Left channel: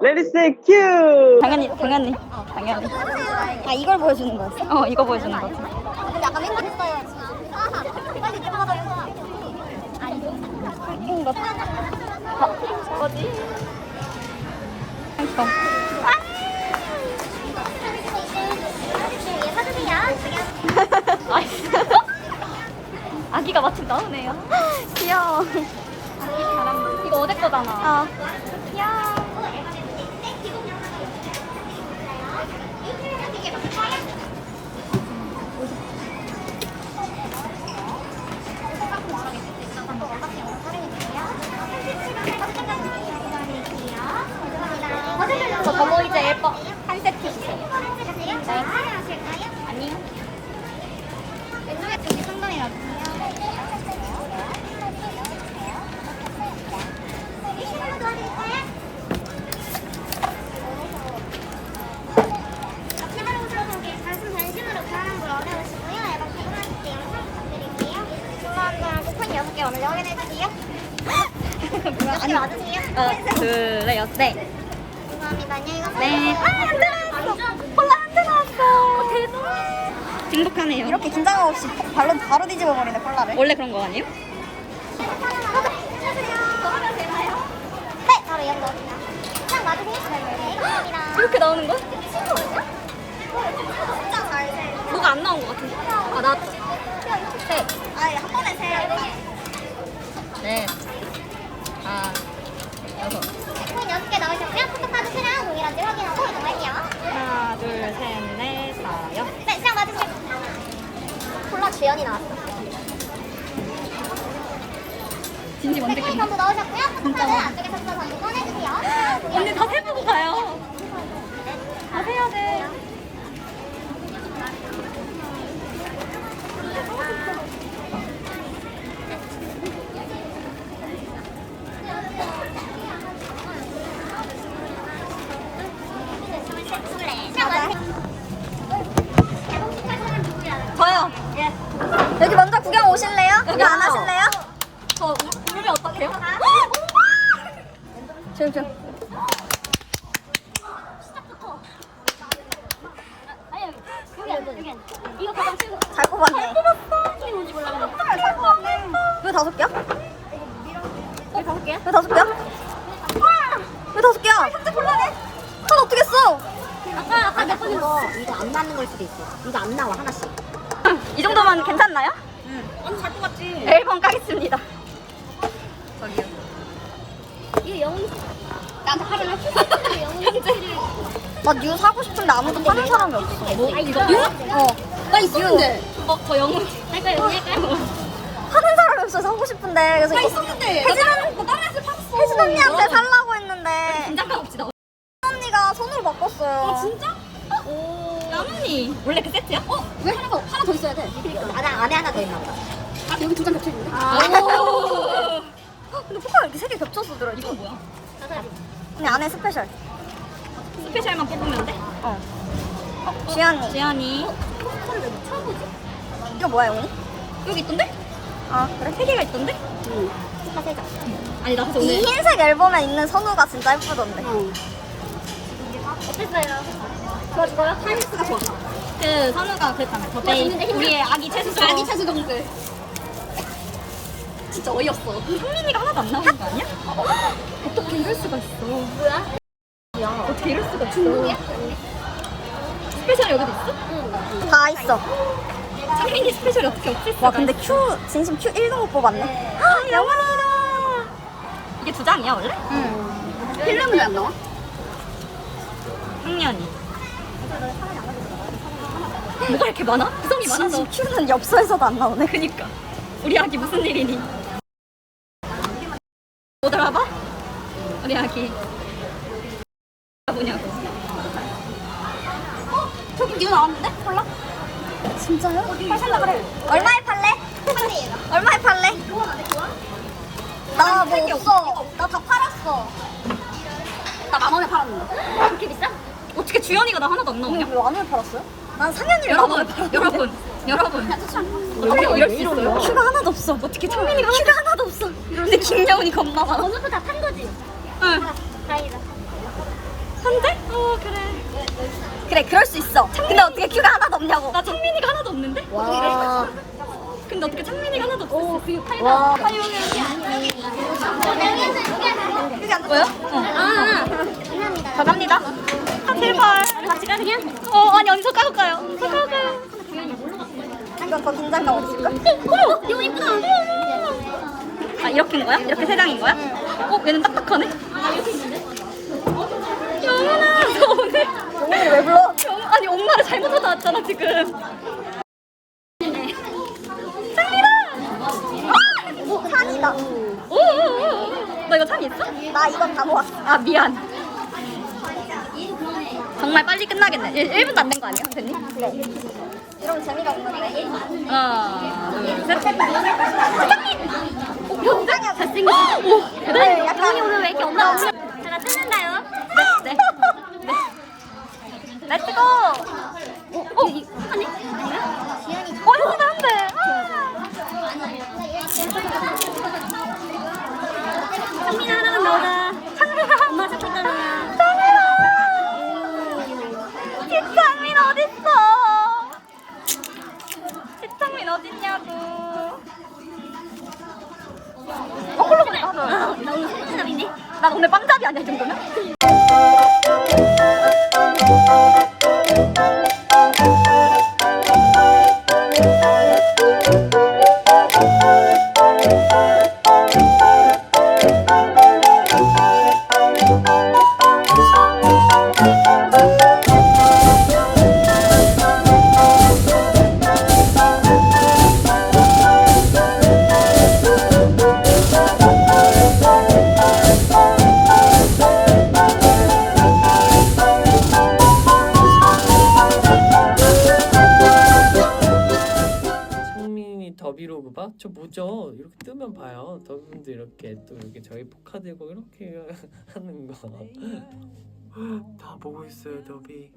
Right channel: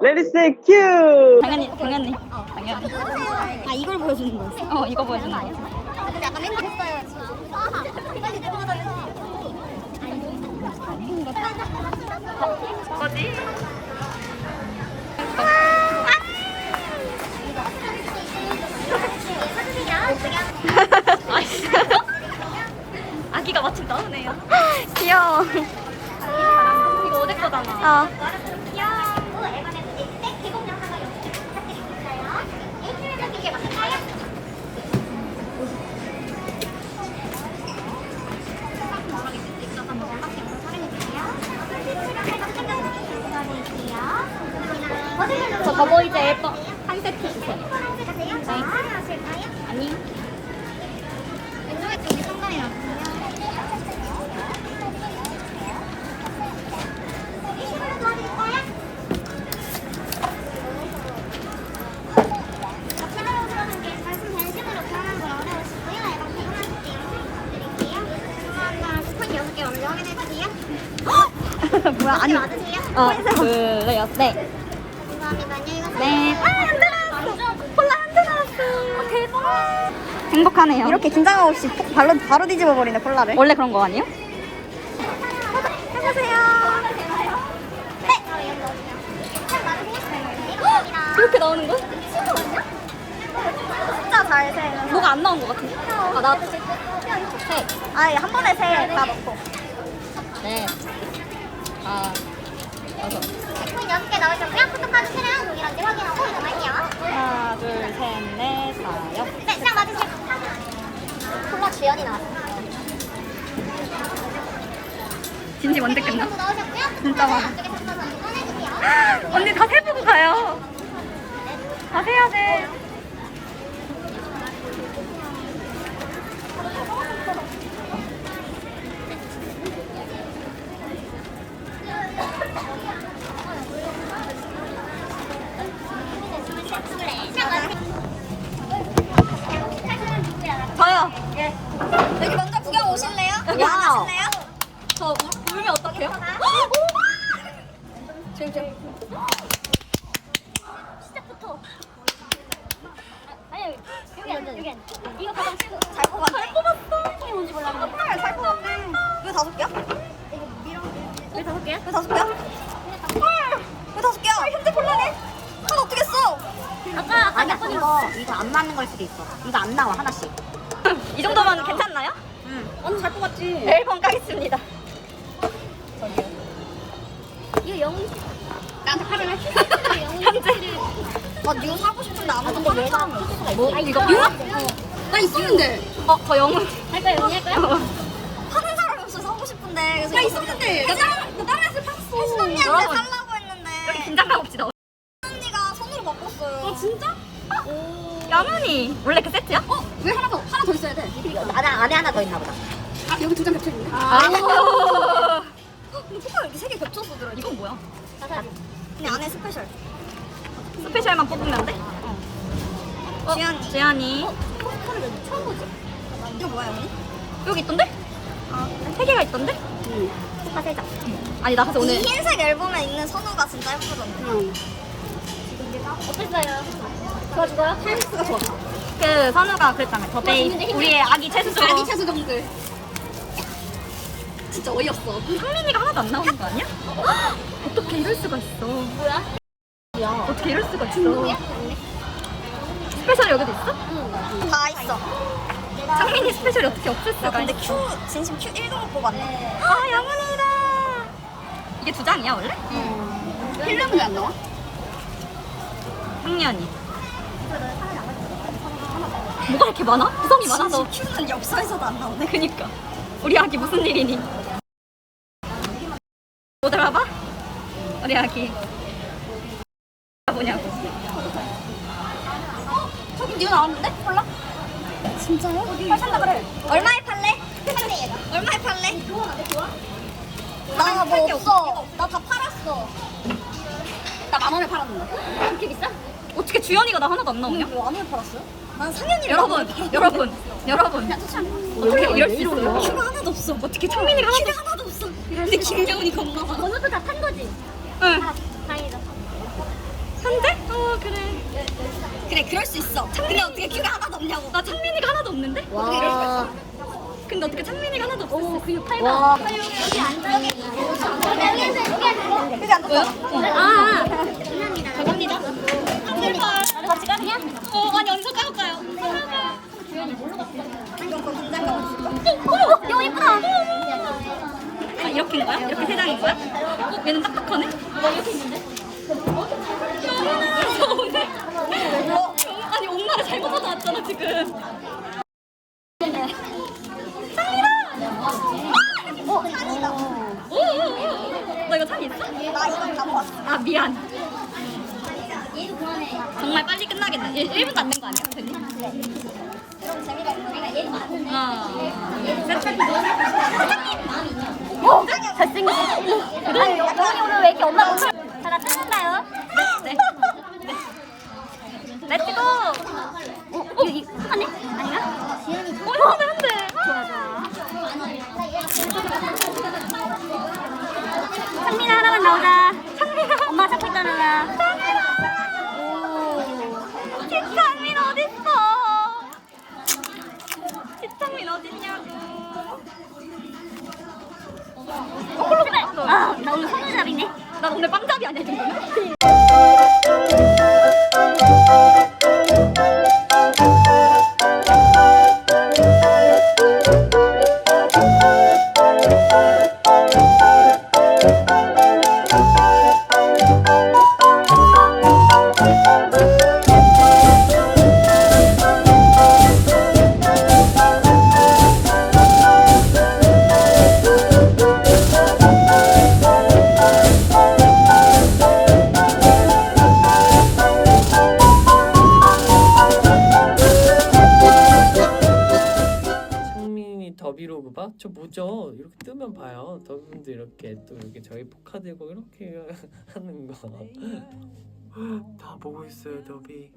Let it say Q. 당연히 당연히 어 당연히 아 이걸 보여주는 거였어? 어 이거 보여주는 거지 근데 약간 맹금했어요 빨리 들어가가지고 뭔가 어디? 아기가 마침 나오네요 귀여워. 이거 어제 거잖아 어. 더보이즈 앨범 한 세트 주세요 네. 아니요 왼쪽에 쪽이 상당히 때 영상 부탁드릴게요. 중간중간 쿠폰 6개 먼저 확인해주세요. 뭐야 아니 맞으세요? 어 그래요 네 네. 아, 안 들어갔어. 콜라 안 들어갔어. 어, 대박. 행복하네요. 이렇게 긴장감 없이 폭 바로 바로 뒤집어 버리네 콜라를. 원래 그런 거 아니에요? 해보세요. 되나요? 네. 이렇게 나오는 거? 진짜 잘 세. 뭐가 안 나온 것 같은데? 아, 나 세. 아니 한 번에 세다 넣고. 네. 아, 여섯. 총 여섯 개 넣으셨고 동일한지 확인하고. 하나, 둘, 셋, 넷, 다, 여. 네, 수량 맞으세요. 콜라 주연이 나왔어. 진지 언제 네, 끝나? 전부 넣으셨고요. 진짜 포토카드 많아. 안쪽에 섞어서 전부 꺼내주세요. 언니 다 세보고 가요. 다 세야 돼. 저요. 여기 먼저 구경 오실래요? 구경 안 와우. 하실래요? 저 울, 울면 어떡해요? 이거 가방 치고. 잘 뽑았네. 잘 뽑았어. 뭔지 몰라. 잘 뽑았네. 왜 다섯 개야? 왜 다섯 개야? 왜 다섯 개야? 왜 다섯 개야? 현재 콜라네. 하나 어떻게 써? 아까 아까 아니야 이거 이거 안 맞는 걸 수도 있어. 이거 안 나와 하나씩. 이 정도면 괜찮나요? 완전 잘 뽑았지. 앨범 가겠습니다. 이거 영웅 나한테 팔을 영웅 나뉴 사고 싶은데 아무도 사람이 없어. 뭐? 이거? 어. 나 있었는데. 어, 거 영웅. 할까요? 영웅 할까요? 파는 사람이 없어 사고 싶은데. 그래서 나 있었는데. 혜진 언니 샀어. 혜진 언니한테. 살라고 했는데 긴장감 없시다. 혜진 언니가 손으로 바꿨어요. 아, 진짜? 야문이 원래 그 세트야? 어? 왜 하나 더 하나 더 있어야 돼? 안에 안에 하나 더 있나 보다. 아 여기 두 장 겹쳐 있는데? 아. 근데 색깔 이렇게 세개 겹쳐서 들어. 이건 뭐야? 그냥 안에 스페셜. 스페셜만 뽑으면 돼? 어. 지안이. 지안이. 이거 뭐야 영이? 여기 있던데? 아 그래? 세 개가 있던데? 응. 사세자. 아니 나 사실 오늘 이 흰색 앨범에 있는 선우가 진짜 예쁘던데. 응. 어땠어요? 좋아 좋아요? 타임스가 좋았어. 그 선우가 그랬잖아요. 저 베이 우리의 아기 채수정. 아기 차수정들. 진짜 어이없어. 상민이가 하나도 안 나오는 거 아니야? 어떻게 이럴 수가 있어. 뭐야? 어떻게 이럴 수가 있어. 스페셜 여기도 있어? 다 있어. 상민이 스페셜이 어떻게 없을 수가 와 근데 있어. Q 진심 Q 1등급 뽑았네. 아 영원이다. 이게 두 장이야 원래? 응. 필름은 안 나와? 학년이. 뭐가 이렇게 많아? 구성이 많아서. Q는 엽서에서도 안 나오네. 그니까. 우리 아기 무슨 일이니? 못 알아봐? 우리 아기. 뭐냐고. 저기 뉴 나왔는데? 몰라? 진짜요? 팔살라 그래. 얼마에 팔래? 얼마에 팔래? 나 뭐 없어. 나 다 팔았어. 나 만 원에 팔았는데. 그렇게 비싸? 어떻게 주연이가 나 하나도 안 나오냐? 왜 만원에 팔았어요? 난 상현이를 여러분, 여러분, 여러분. 어떻게 이럴 수 있어요? 큐가 하나도 없어. 어떻게 창민이가 큐가 하나도 없어. 근데 김여운이 겁나 많아. 번호도 다탄 거지? 응. 다행이다. 한 대? 어 그래. 그래 그럴 수 있어. 근데 어떻게 큐가 하나도 없냐고. 나 창민이가 하나도 없는데? 와. 근데 어떻게 창민이가 하나도 없어? 오 그리고 팔 와. 그지 안 보여? 아. 가갑니다. 제발. 같이 가느냐? 어 아니 가서 가요? 가서 가요. 이건 더 긴장감 없을까? 어 이거 이쁘다. 아 이렇게인 거야? 이렇게 세 장인 거야? 어 얘는 딱딱하네. 나 이렇게 있는데. 영훈아 무서운데? 오늘 왜 불러? 아니 엄마를 잘못 하다 왔잖아 지금. 오 산이다. 오 오 오 오. 나 이거 참 있어? 나 이건 다 모았어. 아 미안. 정말 빨리 끝나겠네. 1, 1분도 안 된 거 아니야, 선생님? 이런 재미가 없는 애가 1분. 어. 오, 잘생겼어. 네. 약간 오늘 왜 이렇게 엄마 다 같이 하나요? 네. 렛츠고. 어, 이, 아니? 아니야? 지연이 어, 이거 안 돼. 상민아 하나만 나오자. 더비로그 봐? 저 뭐죠? 이렇게 뜨면 봐요. 더비분도 이렇게 또 이렇게 저희 포카되고 이렇게 하는 거. 다 보고 있어요, 더비.